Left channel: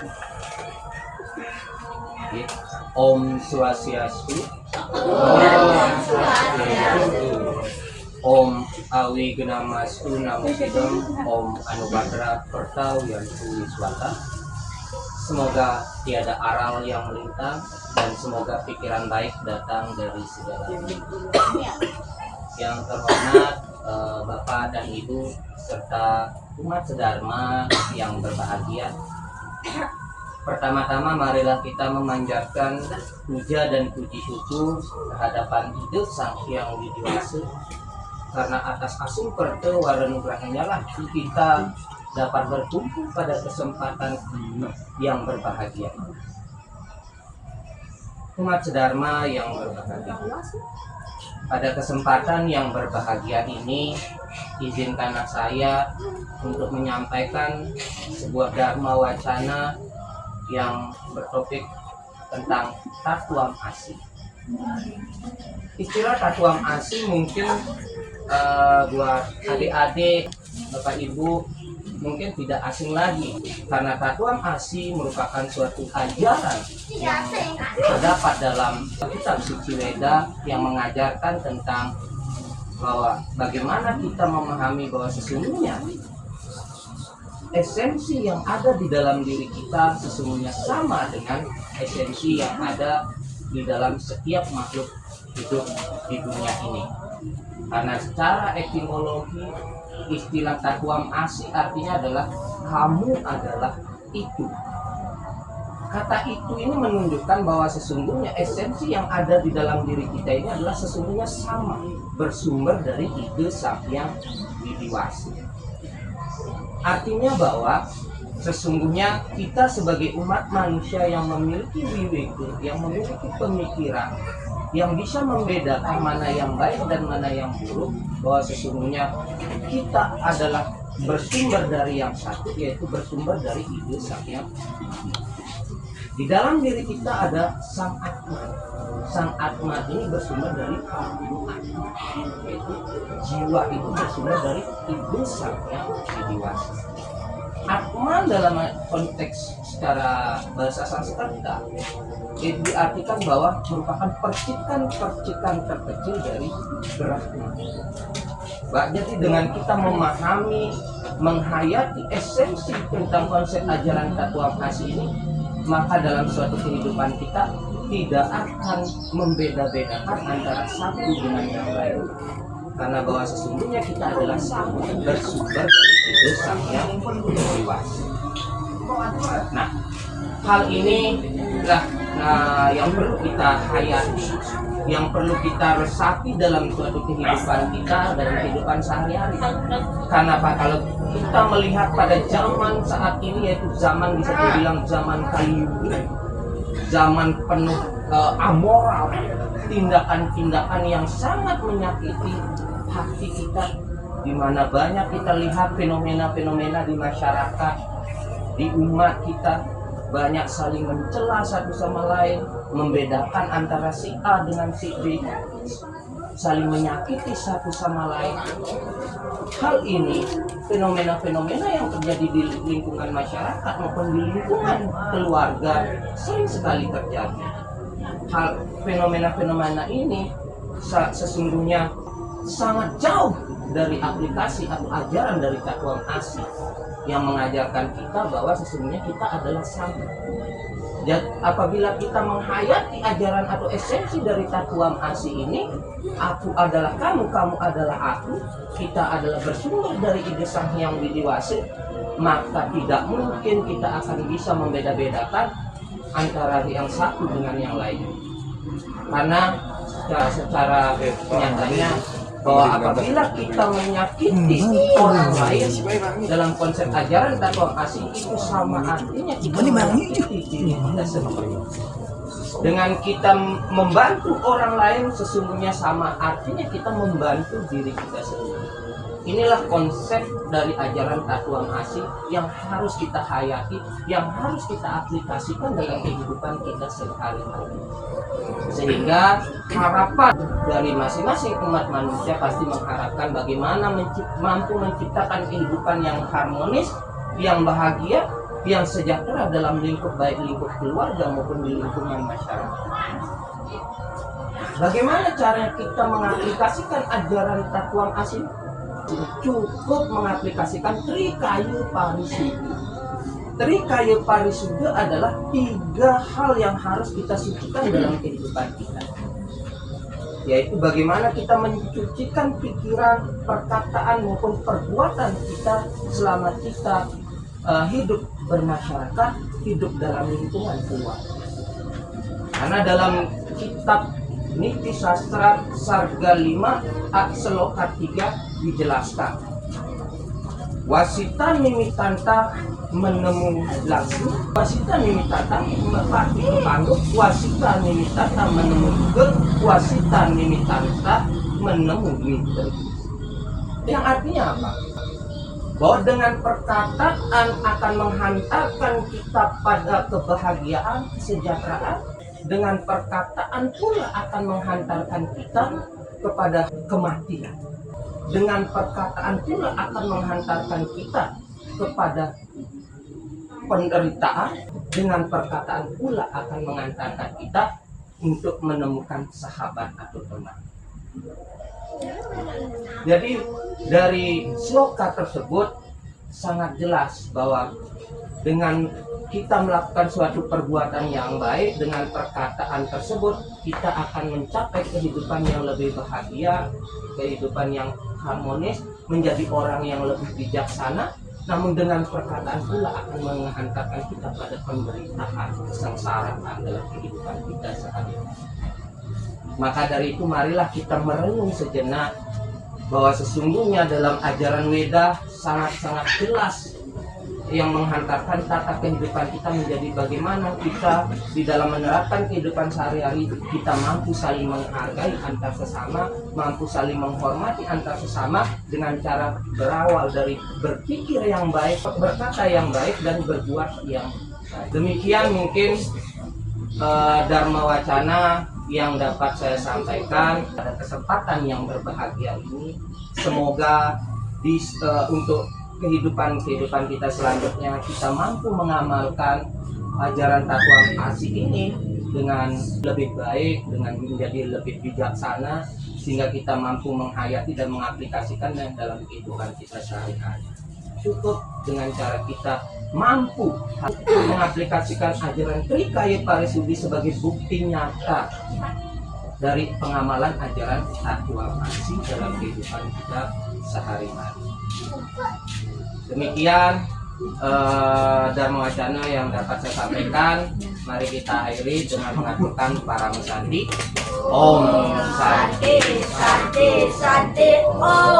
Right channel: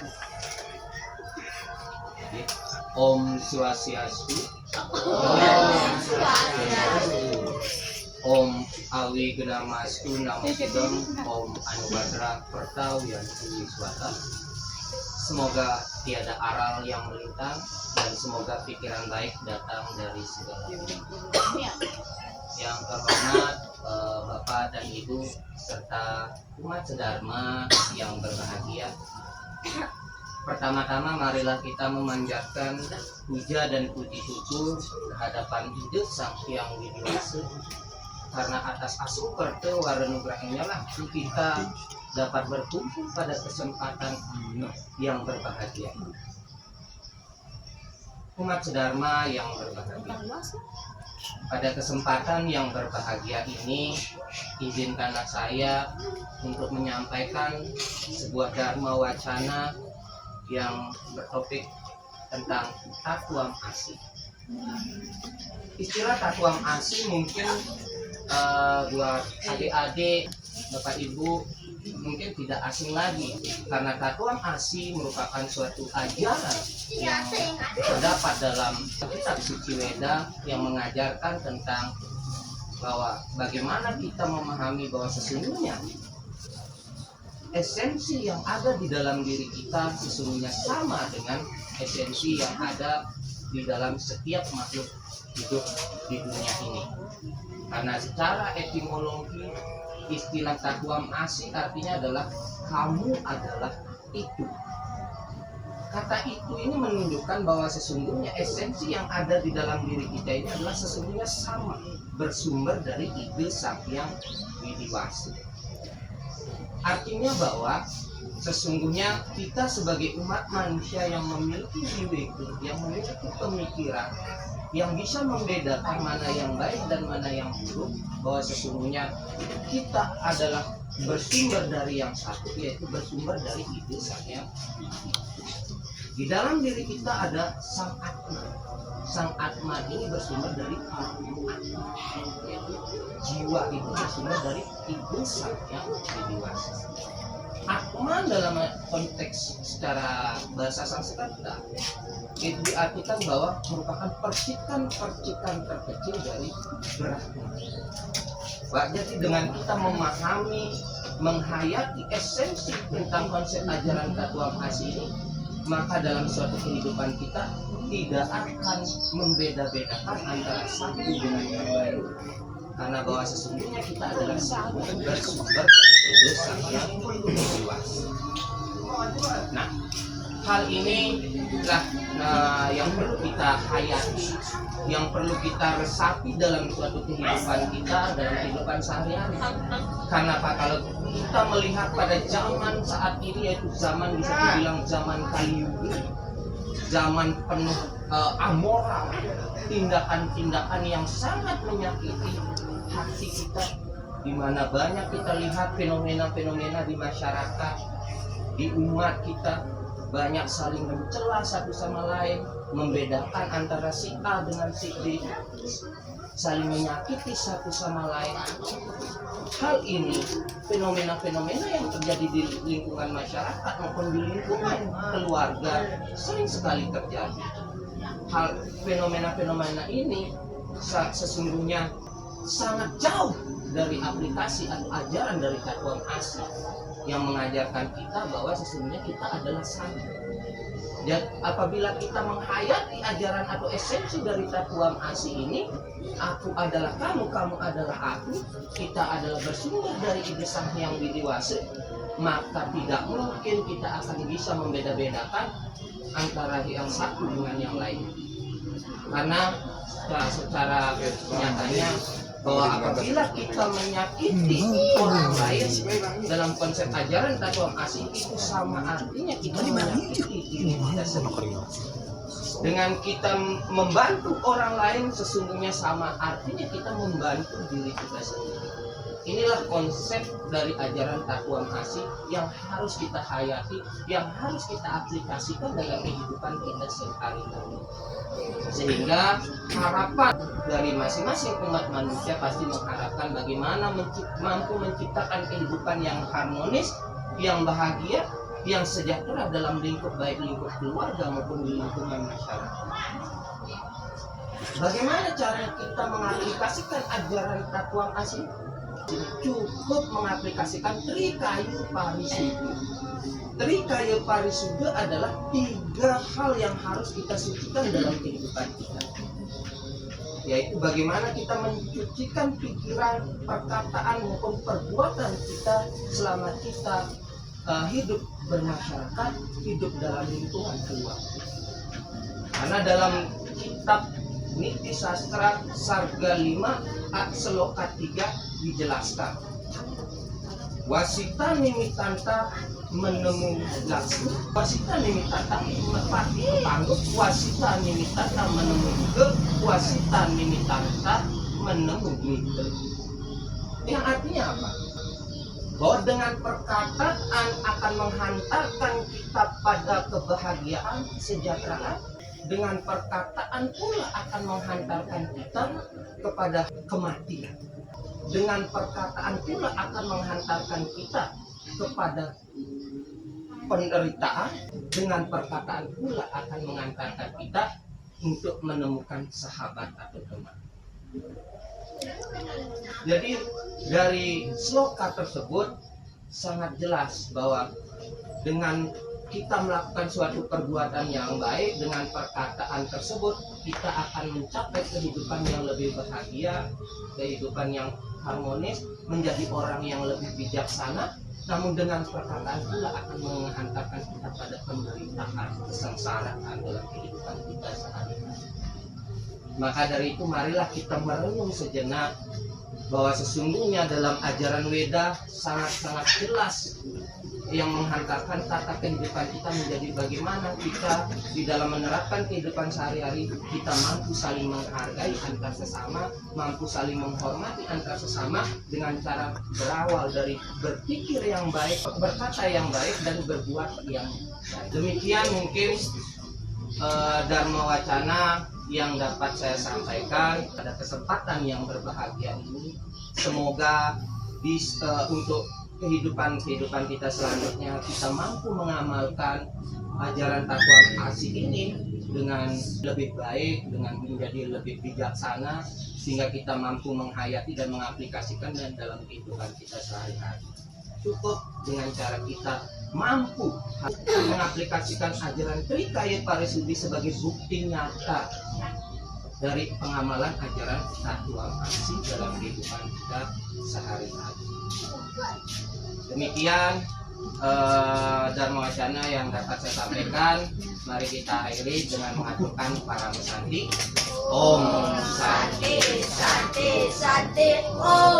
Oke. Om Swastiastu. Om Awi Genamastu Namasudam. Om Anubhadra Pertau Yantu Wiswata. Semoga tiada aral yang melintang dan semoga pikiran baik datang dari segala pihak. Yang terhormat Bapak dan Ibu serta umat sedharma yang berbahagia. Pertama-tama marilah kita memanjatkan puja dan puji syukur kehadapan Ide Sang Hyang Widiwasa, karena atas asungkerta warenugrahnya lah kita dapat berkumpul pada kesempatan yang berbahagia. Umat sedharma yang berbahagia, pada kesempatan yang berbahagia ini izinkanlah saya untuk menyampaikan sebuah dharma wacana yang bertopik tentang Tatuam Asi. Istilah Tatuam Asi mungkin buat adik-adik, Bapak Ibu mungkin tidak asing lagi, karena Tatuam Asi merupakan suatu ajaran yang terdapat dalam kitab suci Weda yang mengajarkan tentang bahwa bagaimana kita memahami bahwa sesungguhnya esensi yang ada di dalam diri kita sesungguhnya sama dengan esensi yang ada di dalam setiap makhluk hidup di dunia ini. Karena secara etimologi istilah Tatuam Asi artinya adalah kamu adalah itu. Kata itu ini menunjukkan bahwa sesungguhnya esensi yang ada di dalam diri kita ini adalah sesungguhnya sama, bersumber dari Ide Sang Hyang Widiwasa. Artinya bahwa sesungguhnya kita sebagai umat manusia yang memiliki wiweke, yang memiliki pemikiran, yang bisa membedakan mana yang baik dan mana yang buruk, bahwa sesungguhnya kita adalah bersumber dari yang satu, yaitu bersumber dari Ide Sang Hyang Widiwasa. Di dalam diri kita ada Sang Atma. Sang Atma ini bersumber dari Atma, yaitu jiwa itu bersumber dari Ide Sang Hyang Widiwasa. Atma dalam konteks secara bahasa Sanskerta itu diartikan bahwa merupakan percikan-percikan terkecil dari Brahma. Jadi dengan kita memahami, menghayati esensi tentang konsep ajaran Tatuam Asi ini, maka dalam suatu kehidupan kita tidak akan membeda-bedakan antara satu dengan yang lain, karena bahwa sesungguhnya kita adalah sama, bersumber dari Ide Sang Hyang Widiwasa. Nah, hal ini lah yang perlu kita hayati, yang perlu kita resapi dalam suatu kehidupan kita, dalam kehidupan sehari-hari. Karena apa? Kalau kita melihat pada zaman saat ini, yaitu zaman bisa dibilang zaman Kali-yuga, zaman penuh amoral, tindakan-tindakan yang sangat menyakiti hati kita, di mana banyak kita lihat fenomena-fenomena di masyarakat, di umat kita, banyak saling mencela satu sama lain, membedakan antara si A dengan si B, saling menyakiti satu sama lain. Hal ini, fenomena-fenomena yang terjadi di lingkungan masyarakat maupun di lingkungan keluarga sering sekali terjadi. Hal fenomena-fenomena ini sesungguhnya sangat jauh dari aplikasi atau ajaran dari Tatuam Asi yang mengajarkan kita bahwa sesungguhnya kita adalah sama. Dan apabila kita menghayati ajaran atau esensi dari Tatuam Asi ini, aku adalah kamu, kamu adalah aku, kita adalah bersumber dari Ide Sang Hyang Widiwasa, maka tidak mungkin kita akan bisa membeda-bedakan antara yang satu dengan yang lain. Karena secara nyatanya bahwa apabila kita menyakiti orang lain dalam konsep ajaran Tatuam Asi, itu sama artinya kita menyakiti diri kita sendiri. Dengan kita membantu orang lain, sesungguhnya sama artinya kita membantu diri kita sendiri. Inilah konsep dari ajaran Tatuam Asi yang harus kita hayati, yang harus kita aplikasikan dalam kehidupan kita sehari-hari. Sehingga harapan dari masing-masing umat manusia pasti mengharapkan bagaimana mampu menciptakan kehidupan yang harmonis, yang bahagia, yang sejahtera dalam lingkup, baik lingkup keluarga maupun di lingkungan masyarakat. Bagaimana cara kita mengaplikasikan ajaran Tatuang Asin? Cukup mengaplikasikan Trikayu Parisuddha. Trikayu Parisuddha adalah 3 hal yang harus kita sucikan dalam kehidupan kita, yaitu bagaimana kita mencucikan pikiran, perkataan maupun perbuatan kita selama kita hidup bermasyarakat, hidup dalam lingkungan keluarga. Karena dalam kitab Niti Sastra Sarga 5 Sloka 3 dijelaskan, wasita nimitanta menemu laksmi, wasita nimitanta merpati kepanggut, wasita nimitanta menemu juga, wasita nimitanta menemu misteri. Yang artinya apa? Bahwa dengan perkataan akan menghantarkan kita pada kebahagiaan, kesejahteraan. Dengan perkataan pula akan menghantarkan kita kepada kematian. Dengan perkataan pula akan menghantarkan kita kepada penderitaan. Dengan perkataan pula akan mengantarkan kita untuk menemukan sahabat atau teman. Jadi dari sloka tersebut sangat jelas bahwa dengan kita melakukan suatu perbuatan yang baik, dengan perkataan tersebut kita akan mencapai kehidupan yang lebih bahagia, kehidupan yang harmonis, menjadi orang yang lebih bijaksana. Namun dengan perkataan pula akan menghantarkan kita pada penderitaan, kesengsaraan dalam kehidupan kita sehari-hari. Maka dari itu marilah kita merenung sejenak bahwa sesungguhnya dalam ajaran Weda sangat-sangat jelas yang menghantarkan tata kehidupan kita menjadi bagaimana kita di dalam menerapkan kehidupan sehari-hari kita mampu saling menghargai antar sesama, mampu saling menghormati antar sesama dengan cara berawal dari berpikir yang baik, berkata yang baik, dan berbuat yang baik. Demikian mungkin Dharma Wacana yang dapat saya sampaikan pada kesempatan yang berbahagia ini. Semoga untuk kehidupan kita selanjutnya kita mampu mengamalkan ajaran Tatuang Asin ini dengan lebih baik, dengan menjadi lebih bijaksana, sehingga kita mampu menghayati dan mengaplikasikannya dalam kehidupan kita sehari-hari. Cukup dengan cara kita mampu mengaplikasikan ajaran Trikayu Parisuddha sebagai bukti nyata dari pengamalan ajaran Tatuang Asin dalam kehidupan kita sehari-hari. Demikian Dharma Wacana yang dapat saya sampaikan. Mari kita akhiri dengan mengaturkan para musanti. Om Santi Santi Santi Om.